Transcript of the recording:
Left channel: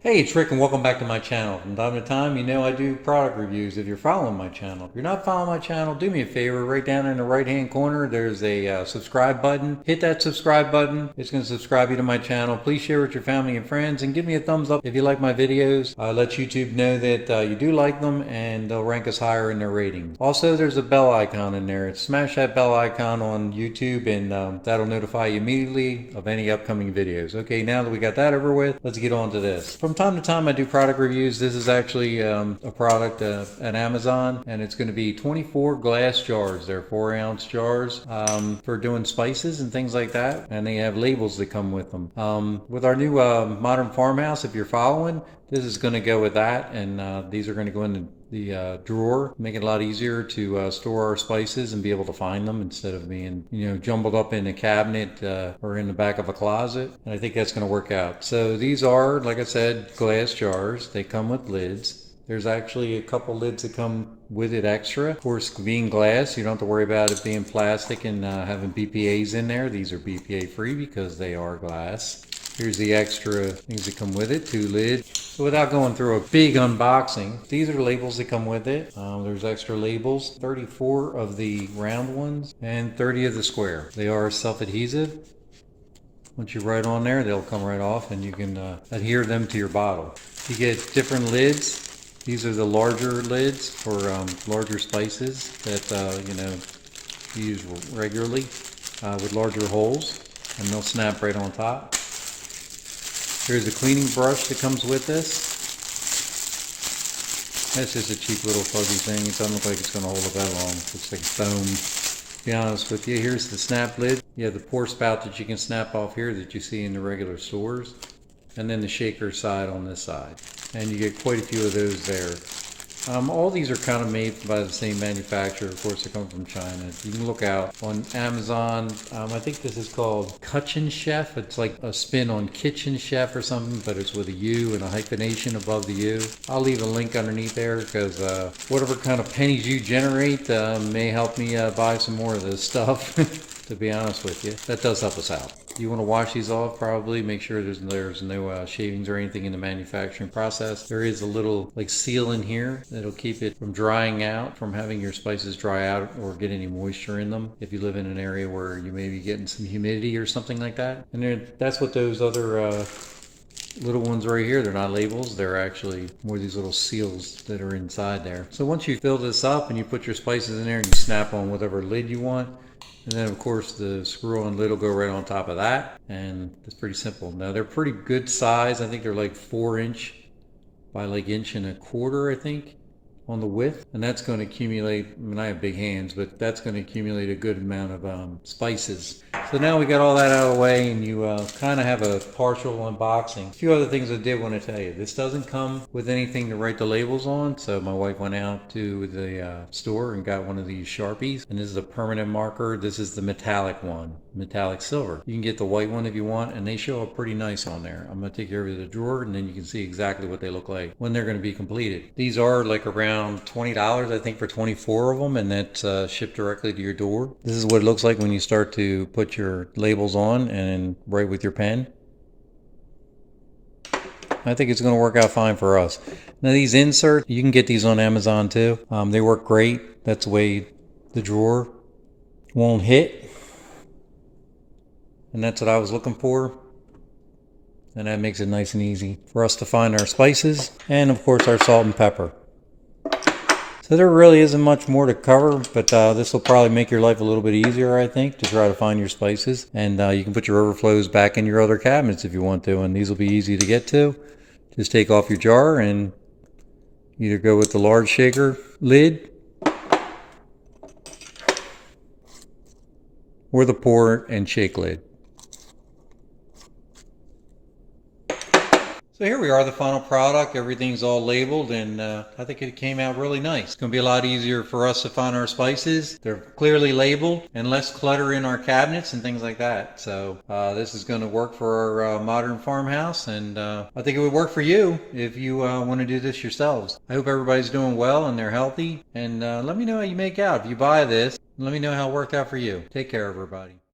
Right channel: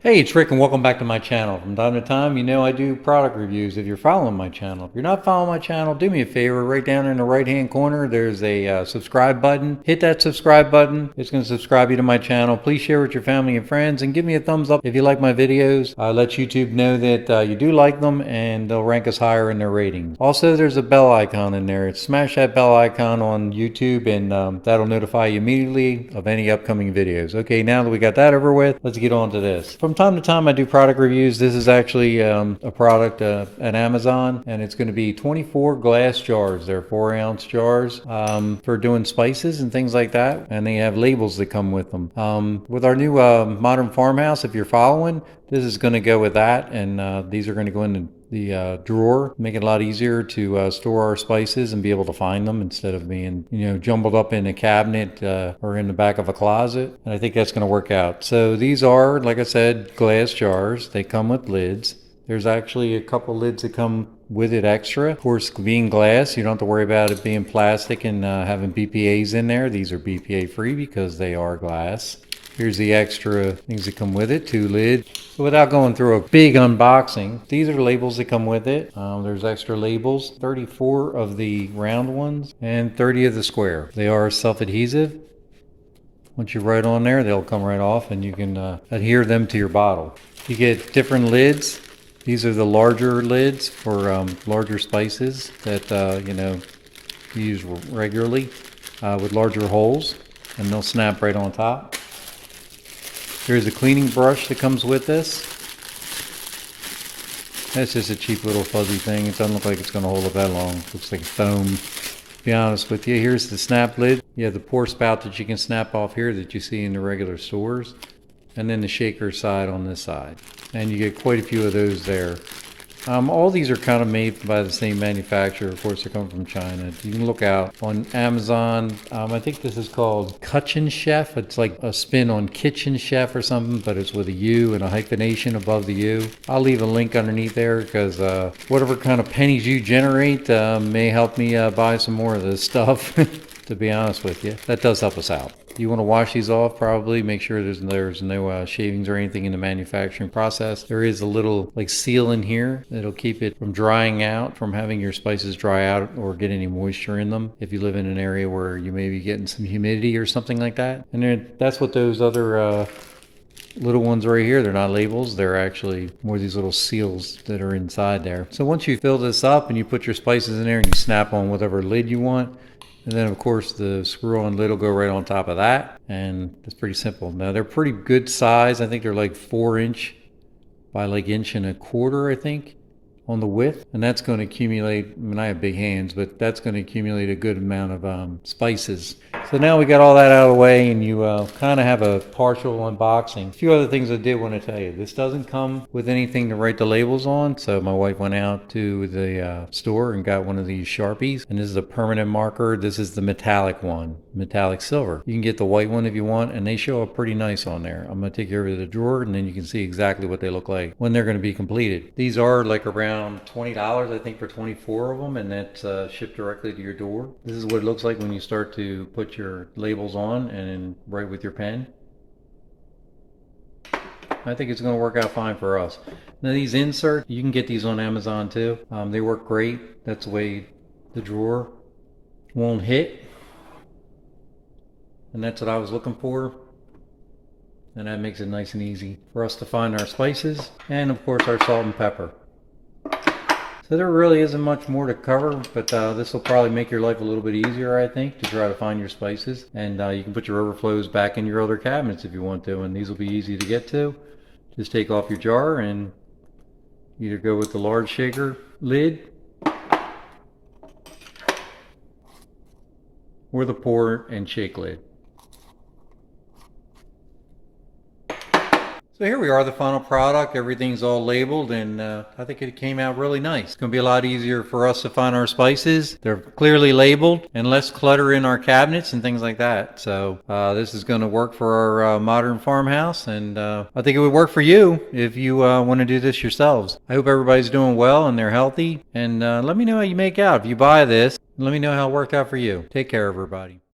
Hey, it's Rick and welcome back to my channel. From time to time, you know I do product reviews if you're following my channel. If you're not following my channel, do me a favor. Right down in the right hand corner, there's a subscribe button. Hit that subscribe button. It's going to subscribe you to my channel. Please share with your family and friends and give me a thumbs up if you like my videos. Let YouTube know that you do like them and they'll rank us higher in their ratings. Also, there's a bell icon in there. Smash that bell icon on YouTube and that'll notify you immediately of any upcoming videos. Okay, now that we got that over with, let's get on to this. From time to time I do product reviews. This is actually a product at Amazon, and it's going to be 24 glass jars. They're 4-ounce jars for doing spices and things like that, and they have labels that come with them. With our new modern farmhouse, if you're following, this is going to go with that, and these are going to go in the drawer, make it a lot easier to store our spices and be able to find them instead of being, jumbled up in a cabinet or in the back of a closet. And I think that's going to work out. So these are, like I said, glass jars. They come with lids. There's actually a couple lids that come with it extra. Of course, being glass, you don't have to worry about it being plastic and having BPAs in there. These are BPA free because they are glass. Here's the extra things that come with it, 2 lids. So without going through a big unboxing, these are the labels that come with it. There's extra labels, 34 of the round ones and 30 of the square. They are self-adhesive. Once you write on there, they'll come right off and you can adhere them to your bottle. You get different lids. These are the larger lids for larger spices that, you use regularly with larger holes, and they'll snap right on top. Here's a cleaning brush that comes with this. That's just a cheap little fuzzy thing. It doesn't look like it's going to hold it that long. It looks like foam. To be honest with you, here's the snap lid. You have the pour spout that you can snap off here that you see in the regular stores. And then the shaker side on this side. And you get quite a few of those there. All these are kind of made by the same manufacturer. Of course, they come from China. You can look out on Amazon. I think this is called Küchenchef. It's like a spin on Kitchen Chef or something, but it's with a U and a hyphenation above the U. I'll leave a link underneath there because whatever kind of pennies you generate may help me buy some more of this stuff. To be honest with you, that does help us out. You want to wash these off, probably make sure there's no shavings or anything in the manufacturing process. There is a little like seal in here that'll keep it from drying out, from having your spices dry out or get any moisture in them if you live in an area where you may be getting some humidity or something like that. And that's what those other little ones right here, they're not labels, they're actually more these little seals that are inside there. So once you fill this up and you put your spices in there and you snap on whatever lid you want, and then of course the screw-on lid will go right on top of that, and it's pretty simple. Now they're pretty good size. I think they're like 4" by like 1¼ inch, I think, on the width, and that's going to accumulate, I mean I have big hands, but that's going to accumulate a good amount of spices. So now we got all that out of the way and you kind of have a partial unboxing. A few other things I did want to tell you. This doesn't come with anything to write the labels on, so my wife went out to the store and got one of these Sharpies, and this is a permanent marker. This is the metallic one, metallic silver. You can get the white one if you want, and they show up pretty nice on there. I'm going to take you over to the drawer and then you can see exactly what they look like when they're going to be completed. These are like around $20, I think, for 24 of them, and that's shipped directly to your door. This is what it looks like when you start to put your labels on and write with your pen. I think it's going to work out fine for us. Now these inserts, you can get these on Amazon too. They work great. That's the way the drawer won't hit. And that's what I was looking for. And that makes it nice and easy for us to find our spices and of course our salt and pepper. So there really isn't much more to cover, but this will probably make your life a little bit easier, I think, to try to find your spices. And you can put your overflows back in your other cabinets if you want to, and these will be easy to get to. Just take off your jar and either go with the large shaker lid or the pour and shake lid. So here we are, the final product. Everything's all labeled, and I think it came out really nice. It's going to be a lot easier for us to find our spices. They're clearly labeled and less clutter in our cabinets and things like that. So this is going to work for our modern farmhouse, and I think it would work for you if you want to do this yourselves. I hope everybody's doing well and they're healthy, and let me know how you make out. If you buy this, let me know how it worked out for you. Take care, everybody.